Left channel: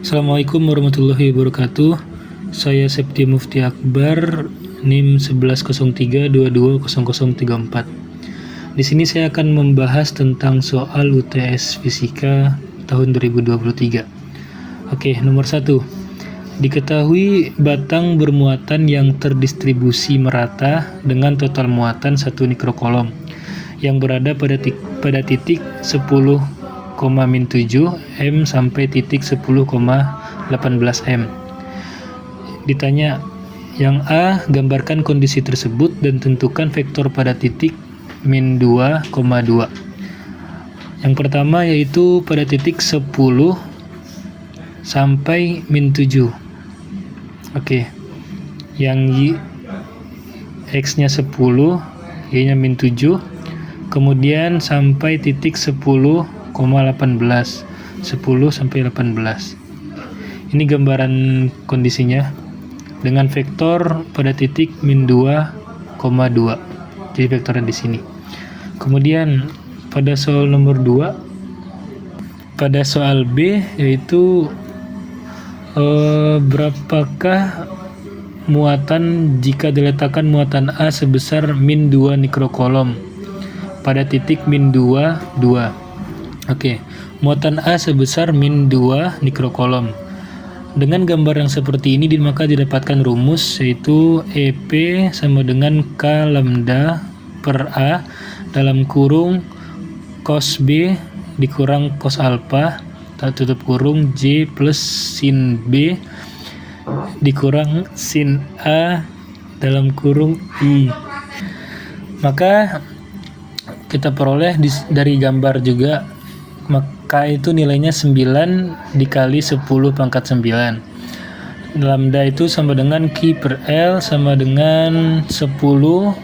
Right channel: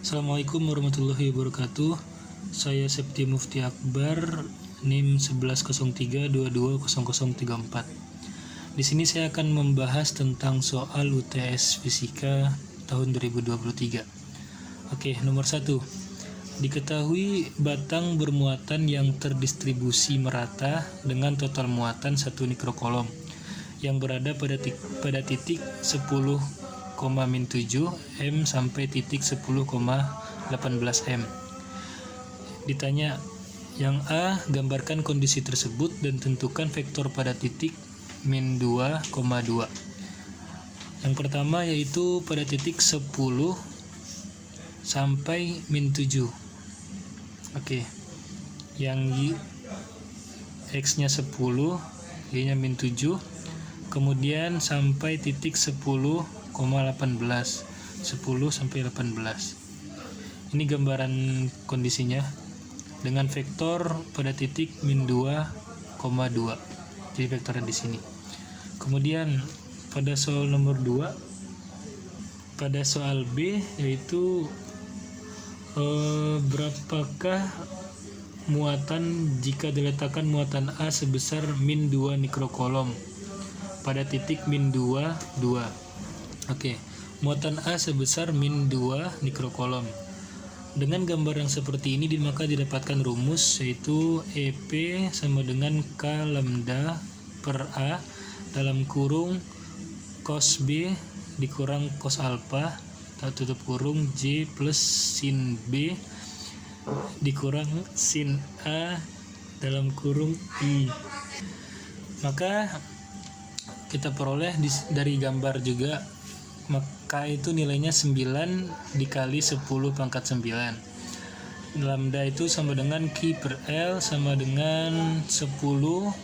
Assalamualaikum warahmatullahi wabarakatuh. Saya Septi Mufti Akbar, NIM 1103220034. Di sini saya akan membahas tentang soal UTS Fisika tahun 2023. Oke, nomor 1. Diketahui batang bermuatan yang terdistribusi merata dengan total muatan 1 mikrokolom yang berada pada titik 10,-7 M sampai titik 10,18 M. Ditanya, yang A, gambarkan kondisi tersebut dan tentukan vektor pada titik min 2,2. Yang pertama yaitu pada titik 10 sampai min 7. Oke. Yang X-nya 10, Y-nya min 7. Kemudian sampai titik 10,18. 10 sampai 18. Ini gambaran kondisinya dengan vektor pada titik min 2,2. Jadi vektornya di sini. Kemudian pada soal nomor 2, pada soal B yaitu berapakah muatan jika diletakkan muatan A sebesar min 2 mikrokolom pada titik min 2, 2. Oke, muatan A sebesar min 2 mikrokolom. Dengan gambar yang seperti ini maka didapatkan rumus yaitu EP sama dengan K lambda per A dalam kurung cos B dikurang cos alpha tutup kurung J plus sin B dikurang sin A dalam kurung I. Maka kita peroleh dari gambar juga, maka itu nilainya 9 dikali 10 pangkat 9. Lambda itu sama dengan Q per L sama dengan 10,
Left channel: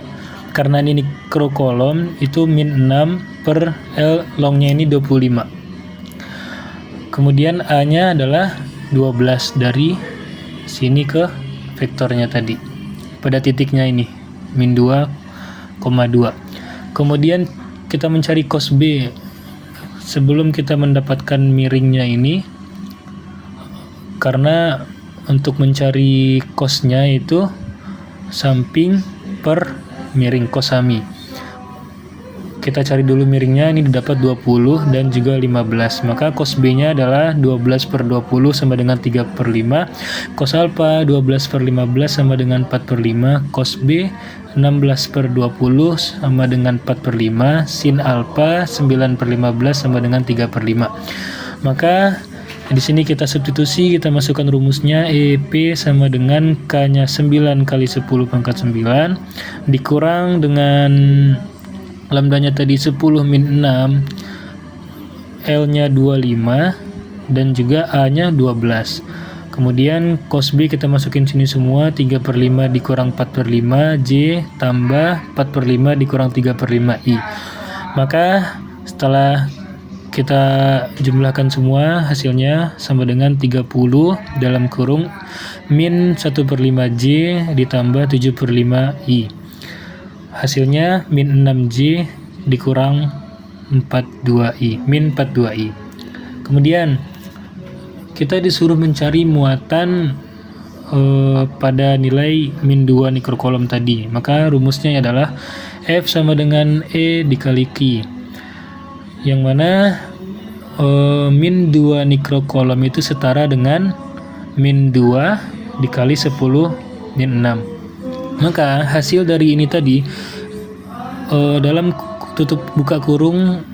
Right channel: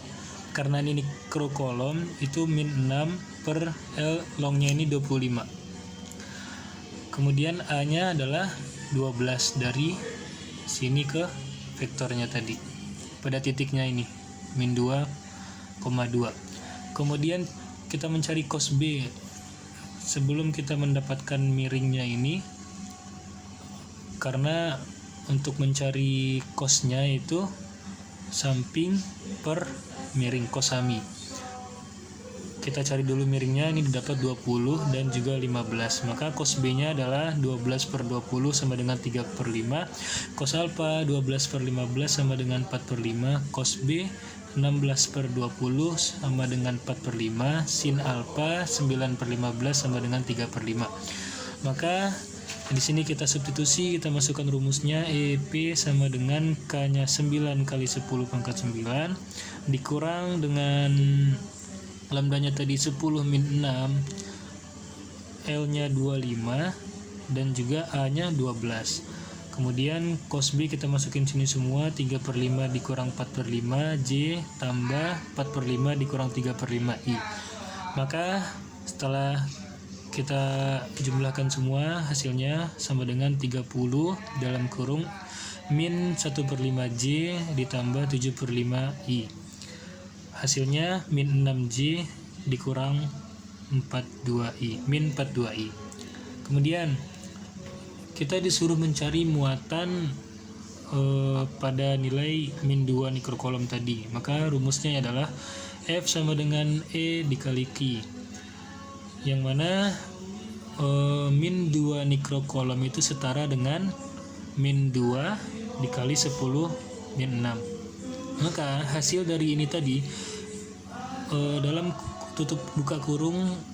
karena ini mikrokolom itu min 6 per L longnya ini 25. Kemudian A-nya adalah 12 dari sini ke vektornya tadi. Pada titiknya ini, min 2,2. Kemudian kita mencari cos B. Sebelum kita mendapatkan miringnya ini, karena untuk mencari cosnya itu samping per miring cosami. Kita cari dulu miringnya, ini didapat 20 dan juga 15. Maka cos B-nya adalah 12 per 20 sama dengan 3 per 5. Cos alpha 12 per 15 sama dengan 4 per 5. Cos B 16 per 20 sama dengan 4 per 5. Sin alpha 9 per 15 sama dengan 3 per 5. Maka di sini kita substitusi, kita masukkan rumusnya EP sama dengan K-nya 9 kali 10 pangkat 9 dikurang dengan lambdanya tadi 10 min 6, L-nya 25 dan juga A-nya 12. Kemudian cos B kita masukin sini semua, 3 per 5 dikurang 4 per 5 J tambah 4 per 5 dikurang 3 per 5 I. Maka setelah kita jumlahkan semua, hasilnya sama dengan 30 dalam kurung min 1 per 5 J ditambah 7 per 5 I. Hasilnya min 6J dikurang 42I, min 42I. Kemudian kita disuruh mencari muatan pada nilai min 2 mikrokolom tadi. Maka rumusnya adalah F sama dengan E dikali Q. Yang mana min 2 mikrokolom itu setara dengan min 2 dikali 10 min 6. Maka hasil dari ini tadi dalam tutup buka kurung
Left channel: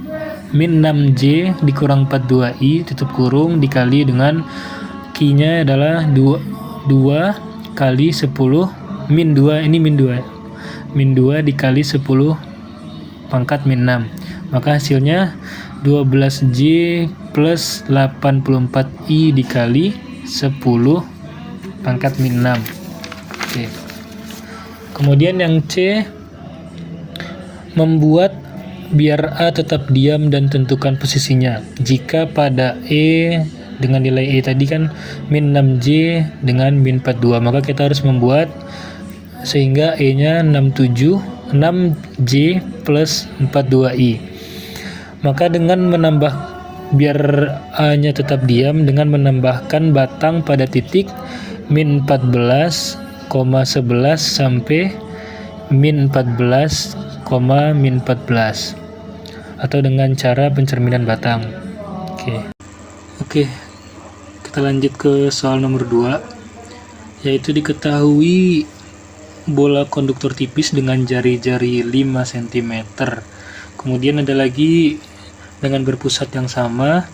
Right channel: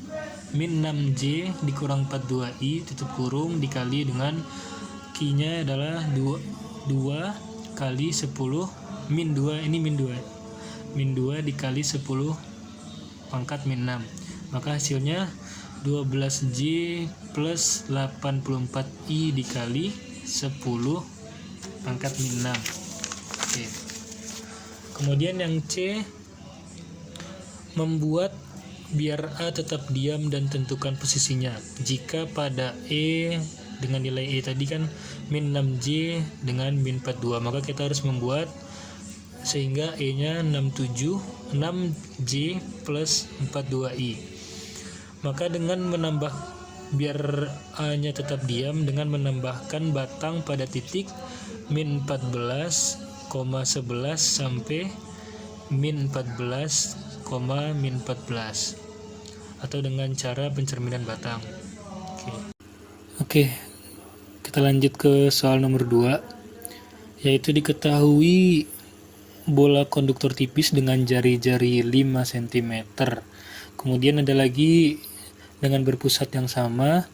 min 6J dikurang 42I tutup kurung dikali dengan Q-nya adalah 2 kali 10 min 2, ini min 2. Min 2 dikali 10 pangkat min 6. Maka hasilnya 12J plus 84I dikali 10 pangkat min 6. Oke. Kemudian yang C, membuat biar A tetap diam dan tentukan posisinya. Jika pada E dengan nilai E tadi kan min 6J dengan min 42, maka kita harus membuat sehingga E-nya 6J plus 42I. Maka dengan menambah biar A-nya tetap diam dengan menambahkan batang pada titik min 14,11 sampai min 14, min 14 atau dengan cara pencerminan batang. Oke, kita lanjut ke soal nomor 2, yaitu diketahui bola konduktor tipis dengan jari-jari 5 cm. Kemudian ada lagi dengan berpusat yang sama.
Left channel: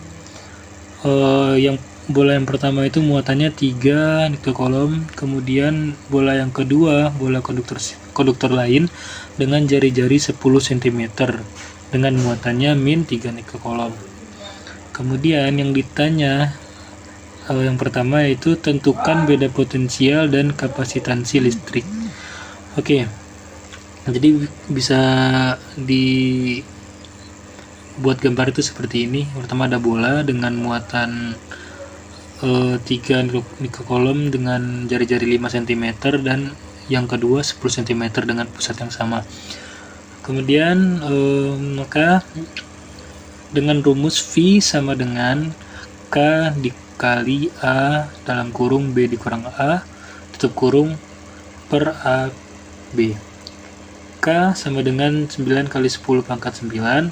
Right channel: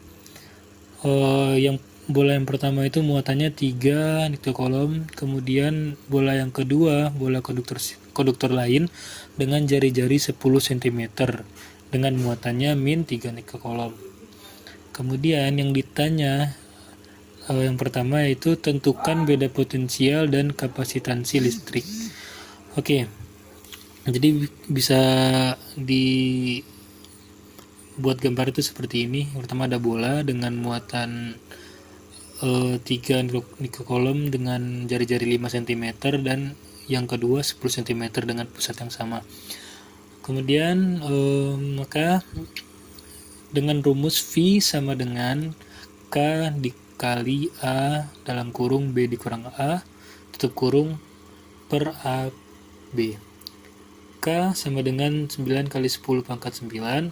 Yang bola yang pertama itu muatannya 3 nikokolom, kemudian bola yang kedua, bola konduktor lain dengan jari-jari 10 cm dengan muatannya min 3 nikokolom. Kemudian yang ditanya yang pertama yaitu tentukan beda potensial dan kapasitansi listrik. Oke, jadi bisa dibuat gambar itu seperti ini. Pertama ada bola dengan muatan 3 nikokolom dengan jari-jari 5 cm dan yang kedua 10 cm dengan pusat yang sama. Kemudian maka dengan rumus V sama dengan K dikali A dalam kurung B dikurang A tutup kurung per AB. K sama dengan 9 kali 10 pangkat 9,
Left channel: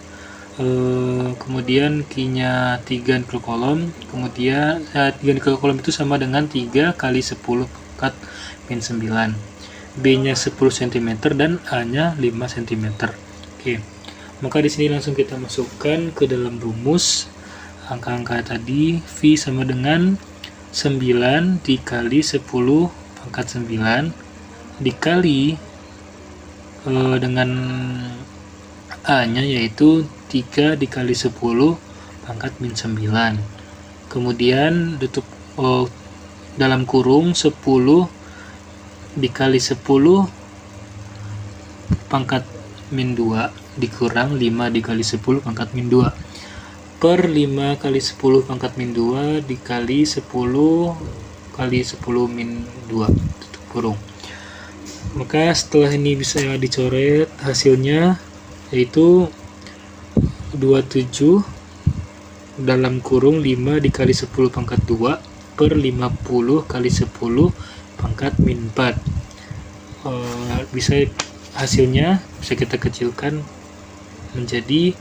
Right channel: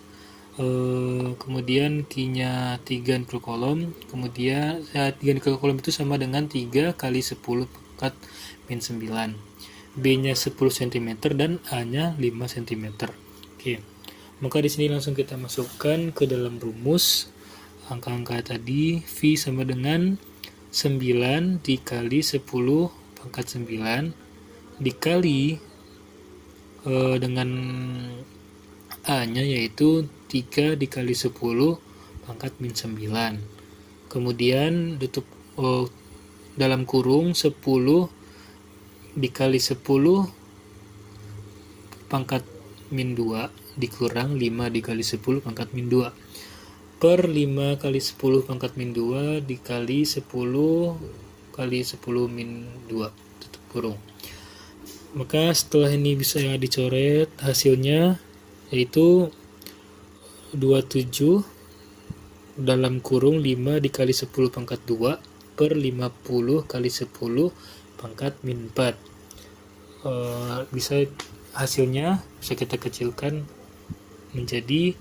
kemudian Q-nya 3 nikokolom, kemudian 3 nikokolom itu sama dengan 3 kali 10 pangkat min 9, B-nya 10 cm dan A-nya 5 cm. Oke, maka di sini langsung kita masukkan ke dalam rumus angka-angka tadi. V sama dengan 9 dikali 10 pangkat 9 dikali dengan A-nya yaitu 3 dikali 10 pangkat min 9. Kemudian tutup dalam kurung 10 dikali 10 pangkat min 2 dikurang 5 dikali 10 pangkat min 2 per 5 kali 10 pangkat min 2 dikali 10 kali 10 min 2 tutup kurung. Maka setelah ini bisa dicoret, hasilnya yaitu 27 dalam kurung 5 dikali 10 pangkat 2 per 50 kali 10 pangkat min 4. Bisa hasilnya bisa kita kecilkan menjadi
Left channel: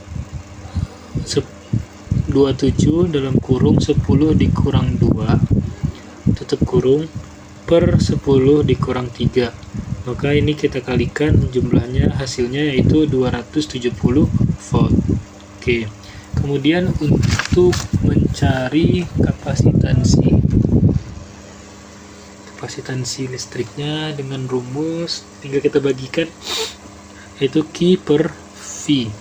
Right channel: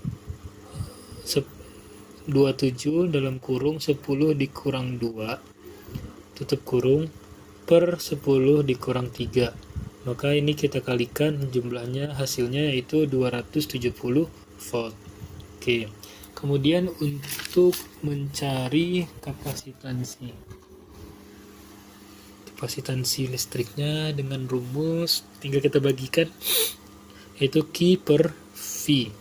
27 dalam kurung 10 dikurang 2 tutup kurung per 10 dikurang 3. Maka ini kita kalikan jumlahnya, hasilnya yaitu 270 volt. Oke. Kemudian untuk mencari kapasitansi listriknya dengan rumus tinggal kita bagikan yaitu Q per V.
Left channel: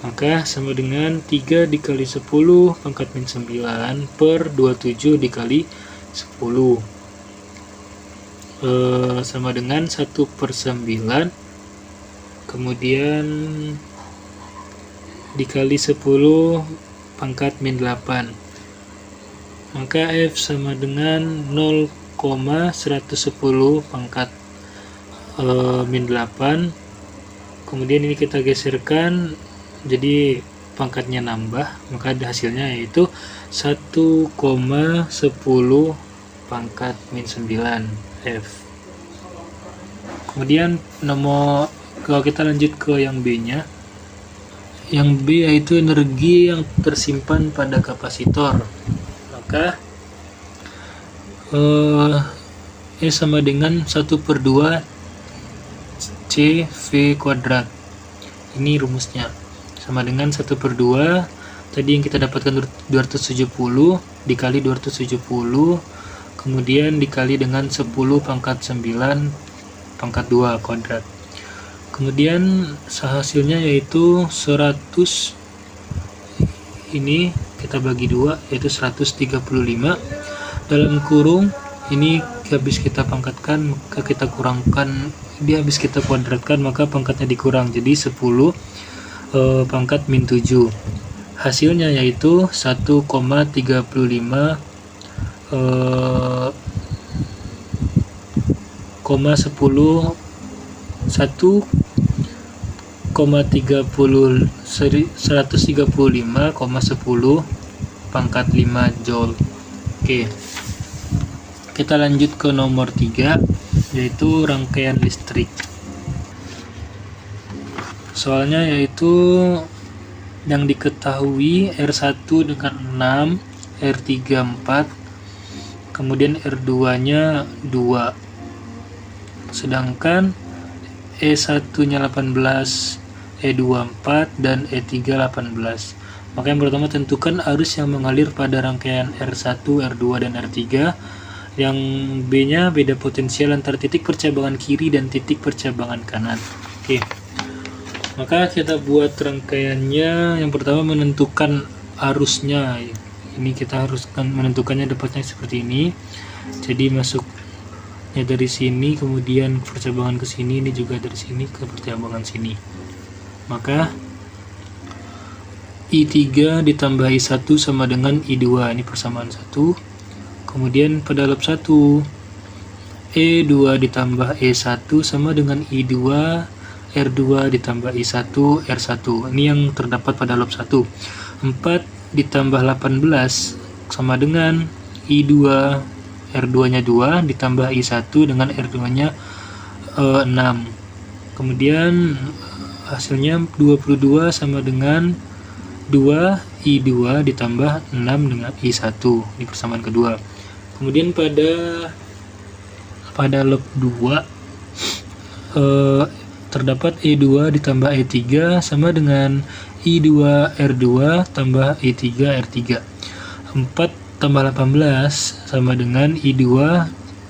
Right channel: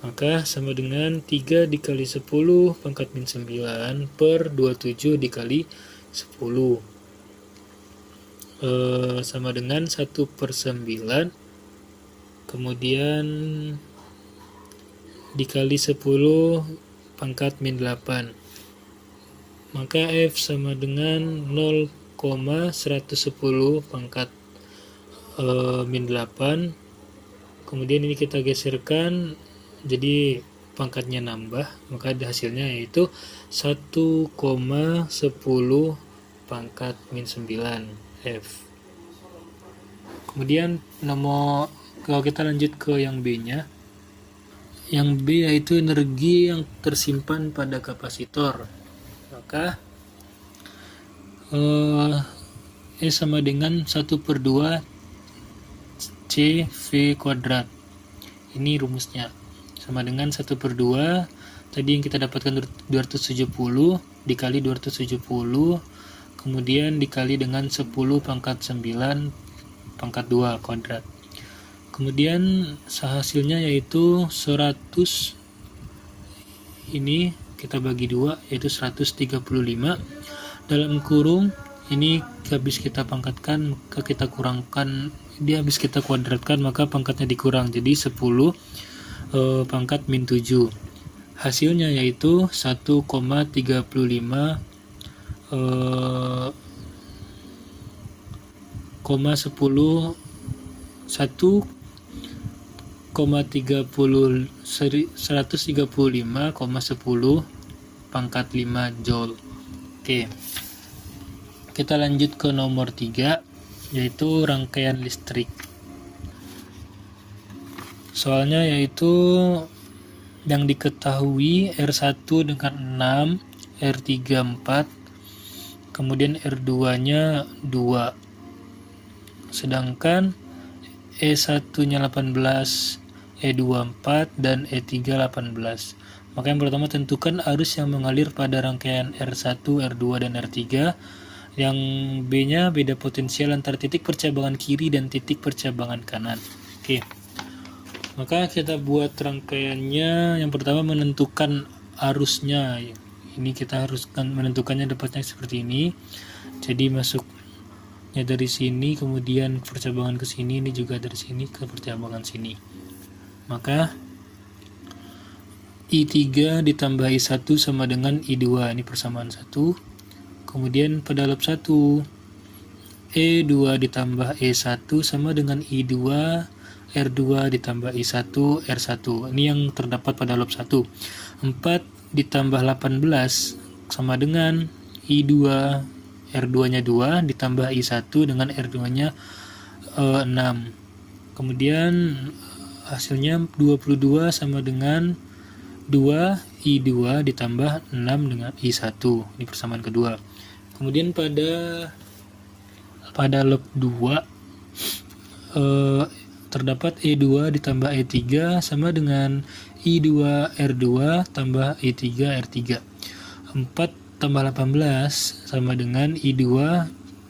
Maka sama dengan 3 dikali 10 pangkat min 9 per 27 dikali 10 sama dengan 1 per 9 kemudian dikali 10 pangkat min 8. Maka F sama dengan 0,110 pangkat min 8. Kemudian ini kita geserkan jadi pangkatnya nambah, maka hasilnya yaitu 1,10 pangkat min 9 F. Kemudian kalau kita lanjut ke yang B-nya, yang B yaitu energi yang tersimpan pada kapasitor. Maka E sama dengan 1 per 2 CV kuadrat. Ini rumusnya sama dengan 1 per 2 tadi yang kita dapatkan 270 dikali 270 kemudian dikali dengan 10 pangkat 9 pangkat 2 kuadrat. Kemudian hasilnya yaitu 100, ini kita bagi 2 yaitu 135 dalam kurung ini habis kita pangkatkan maka kita kurangkan, dia habis kita kuadratkan maka pangkatnya dikurang jadi 10 pangkat min 7. Hasilnya yaitu 1,35 135,10 pangkat 5 Joule. Oke. Kita lanjut ke nomor 3, yaitu rangkaian listrik. Soalnya yaitu yang diketahui R1 dengan 6, R3 4, kemudian R2-nya 2. Sedangkan E1-nya 18, E2 4, dan E3 18. Maka yang pertama, tentukan arus yang mengalir pada rangkaian R1, R2, dan R3. Yang B-nya beda potensial antara titik percabangan kiri dan titik percabangan kanan. Oke. Maka kita buat rangkaiannya. Yang pertama, menentukan arusnya. Ini kita harus menentukannya dapatnya seperti ini. Jadi masuknya dari sini, kemudian percabangan ke sini, ini juga dari sini ke percabangan sini. Maka I3 ditambah I1 sama dengan I2. Ini persamaan 1. Kemudian pada lab 1, E2 ditambah E1 sama dengan I2 R2 ditambah I1 R1. Ini yang terdapat pada lab 1. 4 ditambah 18 sama dengan I2 R2-nya 2 ditambah I1 dengan R2-nya 6. Kemudian hasilnya 22 sama dengan 2 I2 ditambah 6 dengan I1. Ini persamaan kedua. Kemudian pada lab 2 terdapat E2 ditambah E3 sama dengan I2 R2 tambah I3 R3. 4 tambah 18 sama dengan I2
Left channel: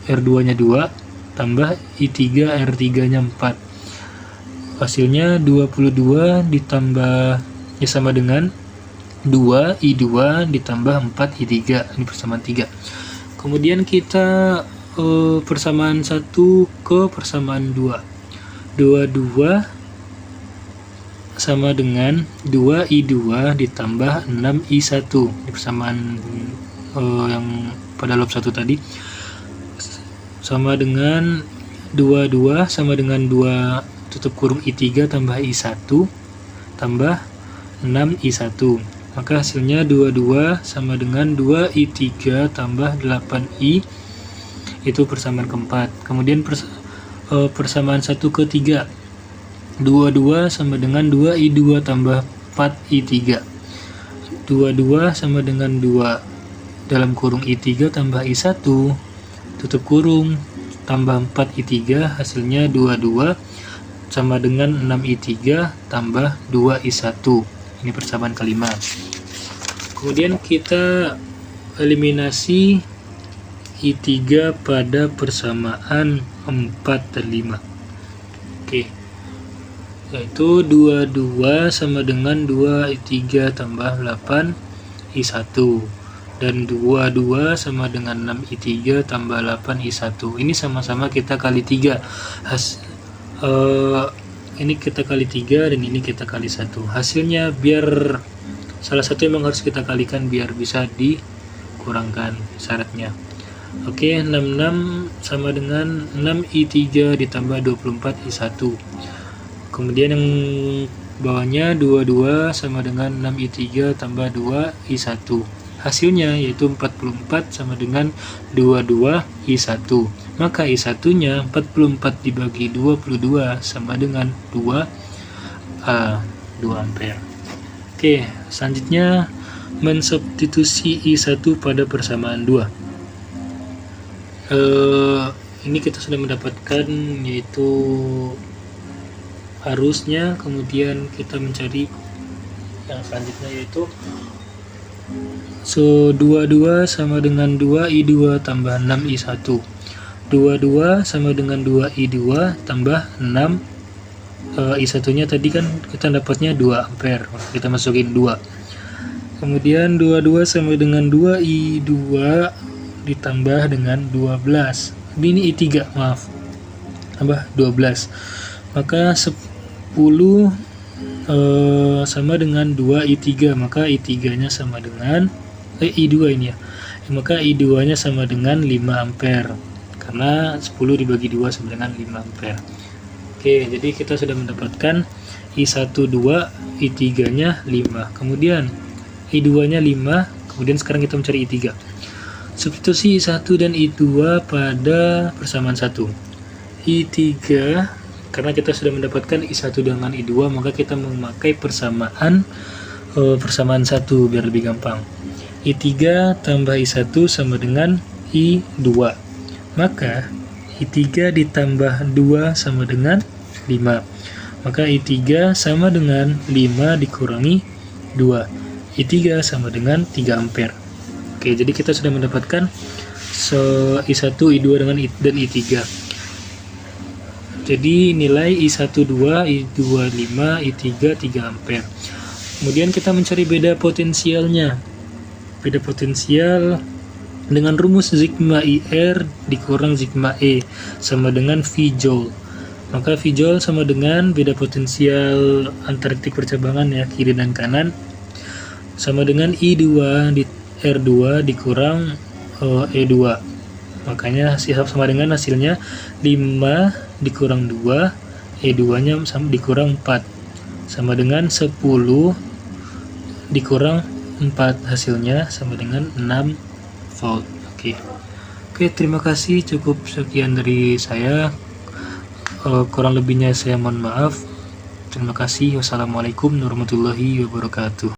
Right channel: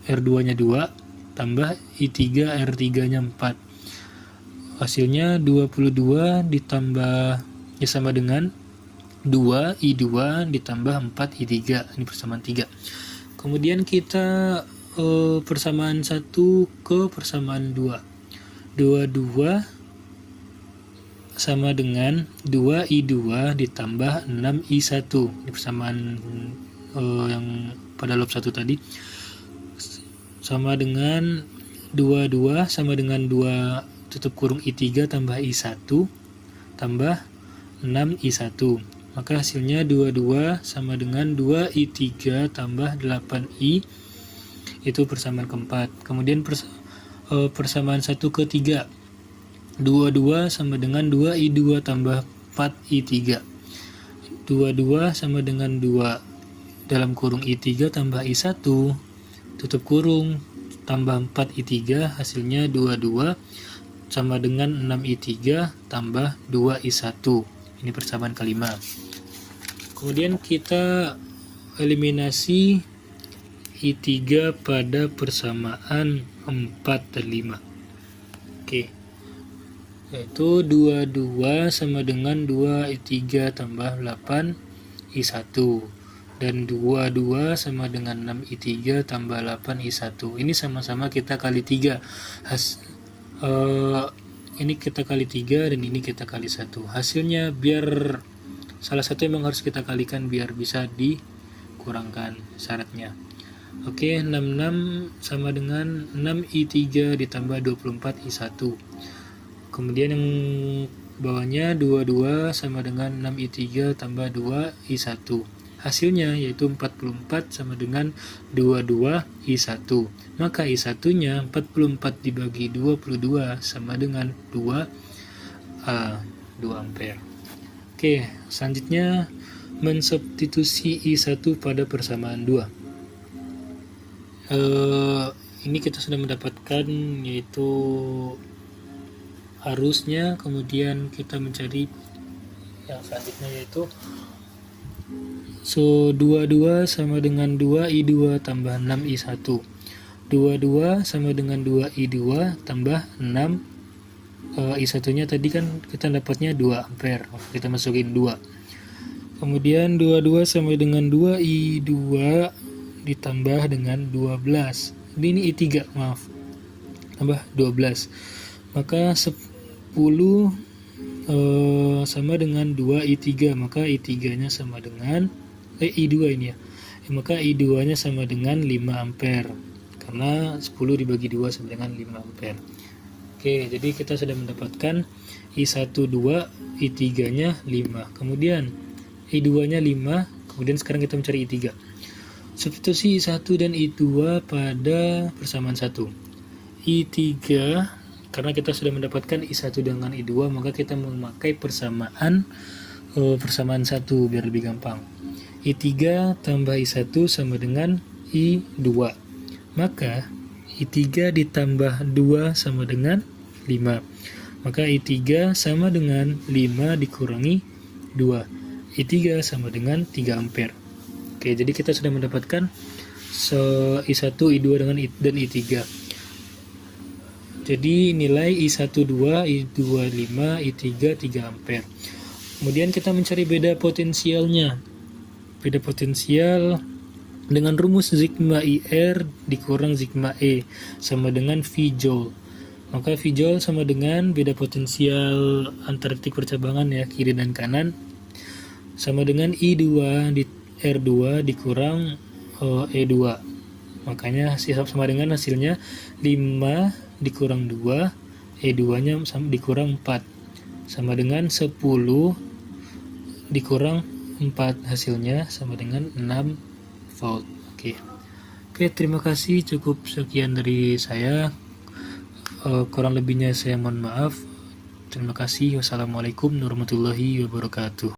R2-nya 2 tambah I3 R3-nya 4. Hasilnya 22 ditambah ya sama dengan 2 I2 ditambah 4 I3. Ini persamaan 3. Kemudian kita persamaan 1 ke persamaan 2. 22 sama dengan 2 I2 ditambah 6 I1. Ini persamaan yang pada lab 1 tadi. Sama dengan 22 sama dengan 2 tutup kurung I3 tambah I1 tambah 6 I1. Maka hasilnya 22 sama dengan 2 I3 tambah 8I. Itu persamaan keempat. Kemudian persamaan 1 ke 3. 22 sama dengan 2 I2 tambah 4 I3. 22 sama dengan 2 dalam kurung I3 tambah I1 tutup kurung tambah 4 I3. Hasilnya 22 sama dengan 6 I3 tambah 2 I1. Ini persamaan kelima. Kemudian kita eliminasi I3 pada persamaan 4 dan 5. Oke. Yaitu 22 sama dengan 2 I3 tambah 8 I1. Dan 22 sama dengan 6 I3 tambah 8 I1. Ini sama-sama kita kali 3. Ini kita kali 3 dan ini kita kali 1. Hasilnya biar salah satu memang harus kita kalikan biar bisa dikurangkan syaratnya. Oke, 66 sama dengan 6 I3 ditambah 24 I1. Kemudian yang bawahnya 22 sama dengan 6 I3 tambah 2 I1. Hasilnya yaitu 44 sama dengan 22 I1. Maka I1-nya 44 dibagi 22 sama dengan 2 ampere. Oke, selanjutnya mensubstitusi I1 pada persamaan 2. Ini kita sudah mendapatkan yaitu arusnya, kemudian kita mencari yang selanjutnya yaitu 22 sama dengan 2 I2 tambah 6 I1. 22 sama dengan 2 I2 tambah 6 I1-nya tadi kan kita dapatnya 2 ampere. Kita masukin 2. Kemudian 22 sama dengan 2 I2 ditambah dengan 12. Ini I3, maaf. Tambah 12. Maka 10 sama dengan 2 I3, maka I3-nya sama dengan I2 ini ya. Maka I2-nya sama dengan 5 ampere. Karena 10 dibagi 2 sama dengan 5 ampere. Oke, jadi kita sudah mendapatkan I1 2, I3-nya 5. Kemudian I2-nya 5, Kemudian sekarang kita mencari I3. Substitusi I1 dan I2 pada persamaan 1. I3, karena kita sudah mendapatkan I1 dengan I2, maka kita memakai persamaan 1 biar lebih gampang. I3 tambah I1 sama dengan I2. Maka I3 ditambah 2 sama dengan 5. Maka I3 sama dengan 5 dikurangi 2. I3 sama dengan 3 ampere. Oke, jadi kita sudah mendapatkan I1, I2 dan I3. Jadi nilai I1 2, I2 5, I3 3 ampere. Kemudian kita mencari beda potensialnya. Beda potensial dengan rumus sigma IR dikurang sigma E sama dengan V joule. Maka V joule sama dengan beda potensial antar titik percabangan ya, kiri dan kanan, sama dengan I2 di R2 dikurang E2. Makanya sama dengan hasilnya 5 dikurang 2, E2 nya sama dikurang 4, sama dengan 10 dikurang 4, hasilnya sama dengan 6 volt. Oke, terima kasih, cukup sekian dari saya. Kurang lebihnya saya mohon maaf. Terima kasih. Wassalamualaikum warahmatullahi wabarakatuh.